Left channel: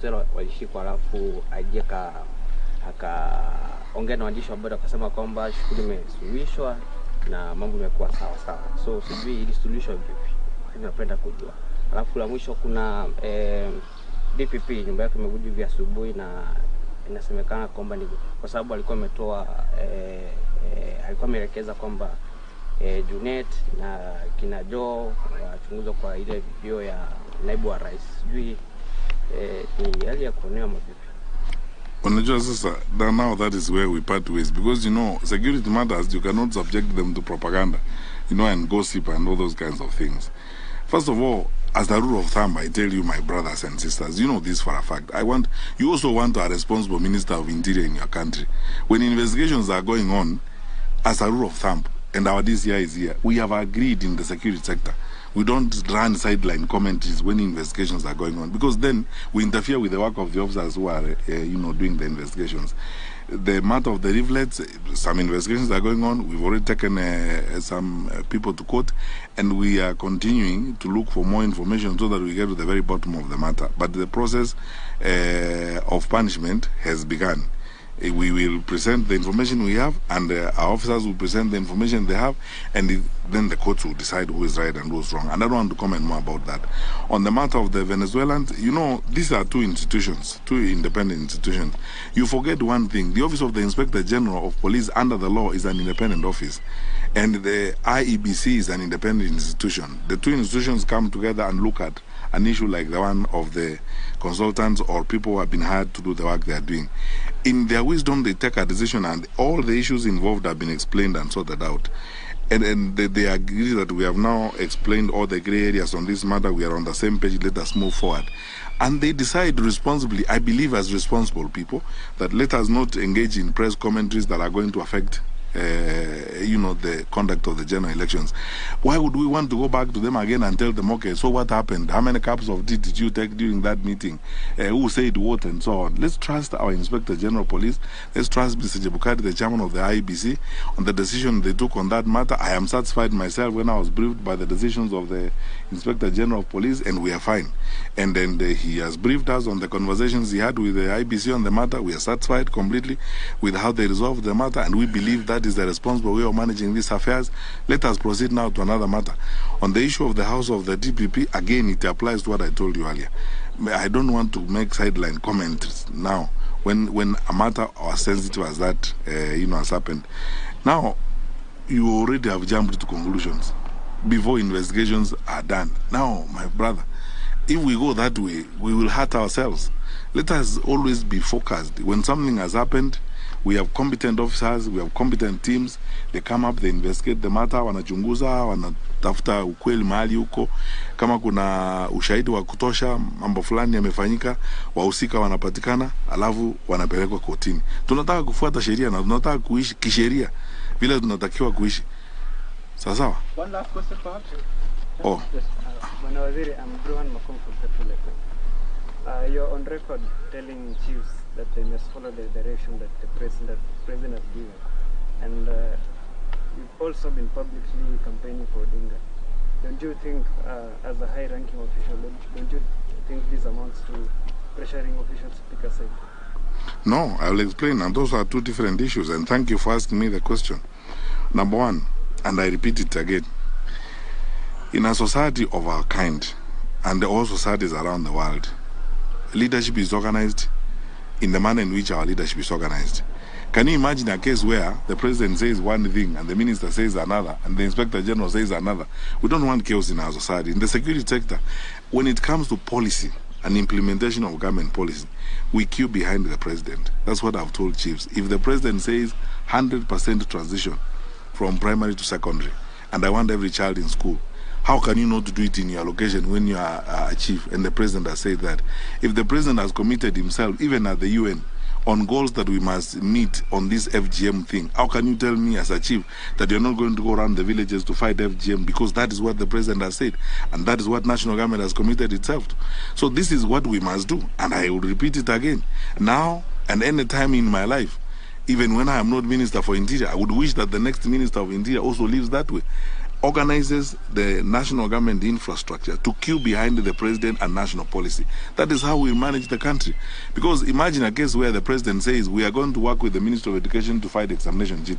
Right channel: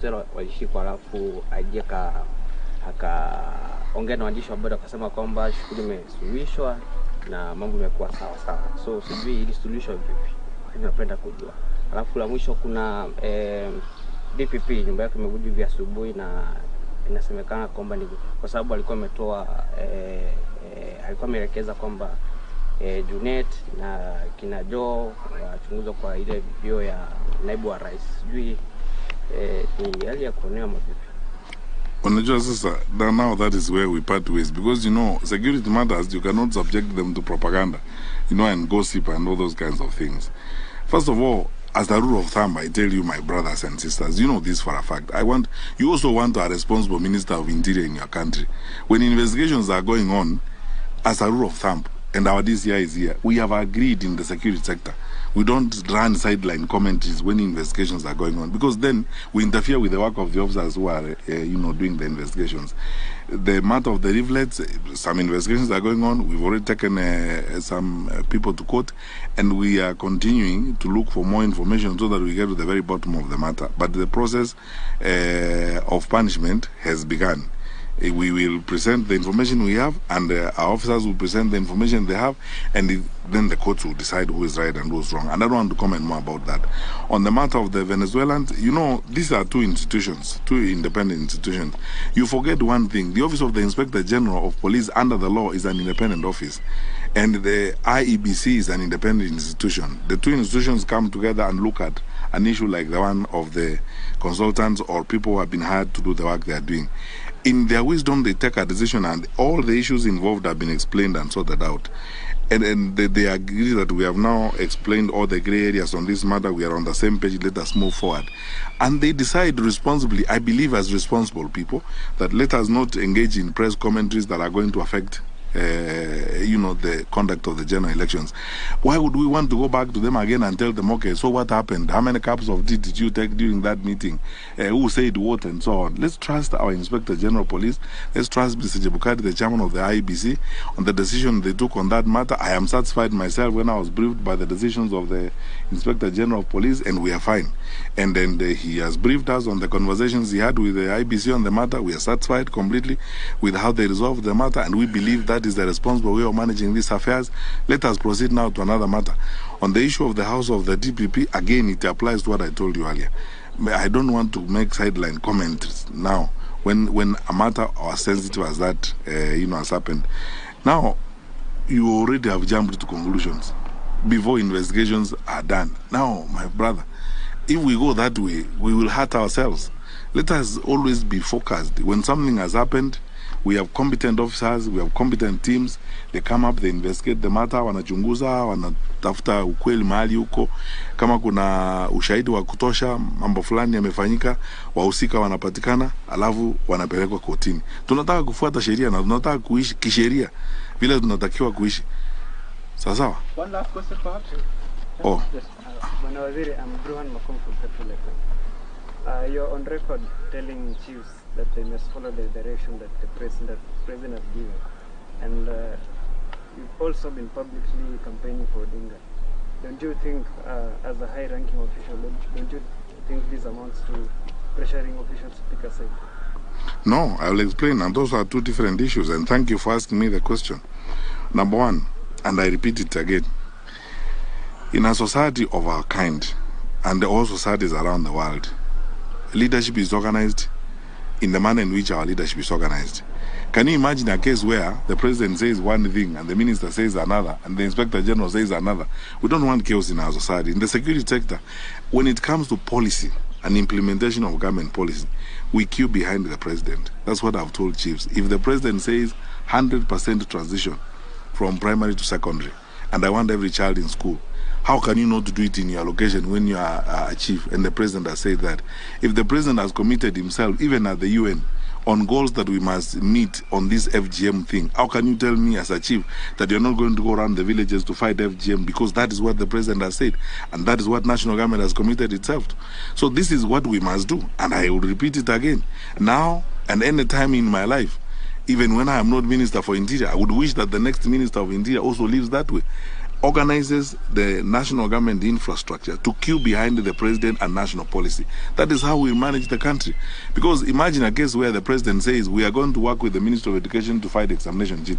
Zero walishikwa, alafu aje akaongea na waandishi wa habari akasema kwamba shughuli imesuluhishwa na mambo yamekuwa sawa sawa. So sijui ili suluhisho vipi, napenda kujua. Alafu la mwisho kuna DPP nyumba yake imevuja vya asubuhi, na inasemekana kwamba ni kwa sababu alikuwa ametoa alikuwa ameelekeza kwamba Junet na kina Joe wachunguzwe kwa ile video ya naibu wa rais. Sijui ni hali ya kuonea mavipi. Unajua sasa, now that is where we part ways, because you know security matters, you cannot subject them to propaganda, you know, and gossip and all those kinds of things. First of all, as a rule of thumb, I tell you, my brothers and sisters, you know this for a fact. You also want a responsible minister of interior in your country. When investigations are going on, as a rule of thumb, and our DCI is here, we have agreed in the security sector, we don't run sideline commentaries when investigations are going on, because then we interfere with the work of the officers who are, doing the investigations. The matter of the leaflets, some investigations are going on. We've already taken some people to court, and we are continuing to look for more information so that we get to the very bottom of the matter. But the process of punishment has begun. We will present the information we have, and our officers will present the information they have, and then the courts will decide who is right and who is wrong. And I don't want to comment more about that. On the matter of the Venezuelans, you know, these are two independent institutions. You forget one thing: the Office of the Inspector General of Police under the law is an independent office, and the IEBC is an independent institution. The two institutions come together and look at an issue like the one of the consultants or people who have been hired to do the work they are doing. In their wisdom, they take a decision, and all the issues involved have been explained and sorted out. And they agree that we have now explained all the gray areas on this matter. We are on the same page. Let us move forward. And they decide responsibly, I believe as responsible people, that let us not engage in press commentaries that are going to affect the conduct of the general elections. Why would we want to go back to them again and tell them, okay, so what happened? How many cups of tea did you take during that meeting? Who said what, and so on? Let's trust our Inspector General Police. Let's trust Mr. Jebukati, the chairman of the IEBC, on the decision they took on that matter. I am satisfied myself when I was briefed by the decisions of the Inspector General of Police, and we are fine. And then he has briefed us on the conversations he had with the IEBC on the matter. We are satisfied completely with how they resolved the matter, and we believe that is the responsible way of managing these affairs. Let us proceed now to another matter. On the issue of the house of the DPP, again, it applies to what I told you earlier. I don't want to make sideline comments now when a matter as sensitive as that has happened. Now, you already have jumped to conclusions before investigations are done. Now, my brother, if we go that way, we will hurt ourselves. Let us always be focused. When something has happened, we have competent officers, we have competent teams. They come up, they investigate the matter, wanachunguza, wanatafuta ukweli mahali huko. Kama kuna ushahidi wa kutosha, mambo fulani yamefanyika, wahusika wanapatikana, alafu wanapelekwa kotini. Tunataka kufuata sheria na tunataka kuishi kisheria vile tunatakiwa kuishi. Sawa? One last question perhaps. Oh. Yes. Bwana Waziri, I'm Bruhan Makom from Petrol FM. You're on record telling chiefs that they must follow the direction that the president has given. And you've also been publicly campaigning for Odinga. Don't you think, as a high-ranking official, don't you think this amounts to pressuring officials to pick a side? No, I will explain. And those are two different issues. And thank you for asking me the question. Number one, and I repeat it again, in a society of our kind, and all societies around the world, leadership is organized in the manner in which our leadership is organized. Can you imagine a case where the president says one thing and the minister says another and the inspector general says another? We don't want chaos in our society. In the security sector, when it comes to policy and implementation of government policy, we queue behind the president. That's what I've told chiefs. If the president says 100% transition from primary to secondary, and I want every child in school, how can you not do it in your location when you are a chief and the president has said that? If the president has committed himself, even at the UN, on goals that we must meet on this FGM thing, how can you tell me as a chief that you're not going to go around the villages to fight FGM, because that is what the president has said and that is what national government has committed itself to? So this is what we must do, and I will repeat it again. Now and any time in my life, even when I am not Minister for Interior, I would wish that the next Minister of Interior also lives that way. organizes the national government infrastructure to queue behind the president and national policy. That is how we manage the country. Because imagine a case where the president says, we are going to work with the Ministry of Education to fight examination cheating.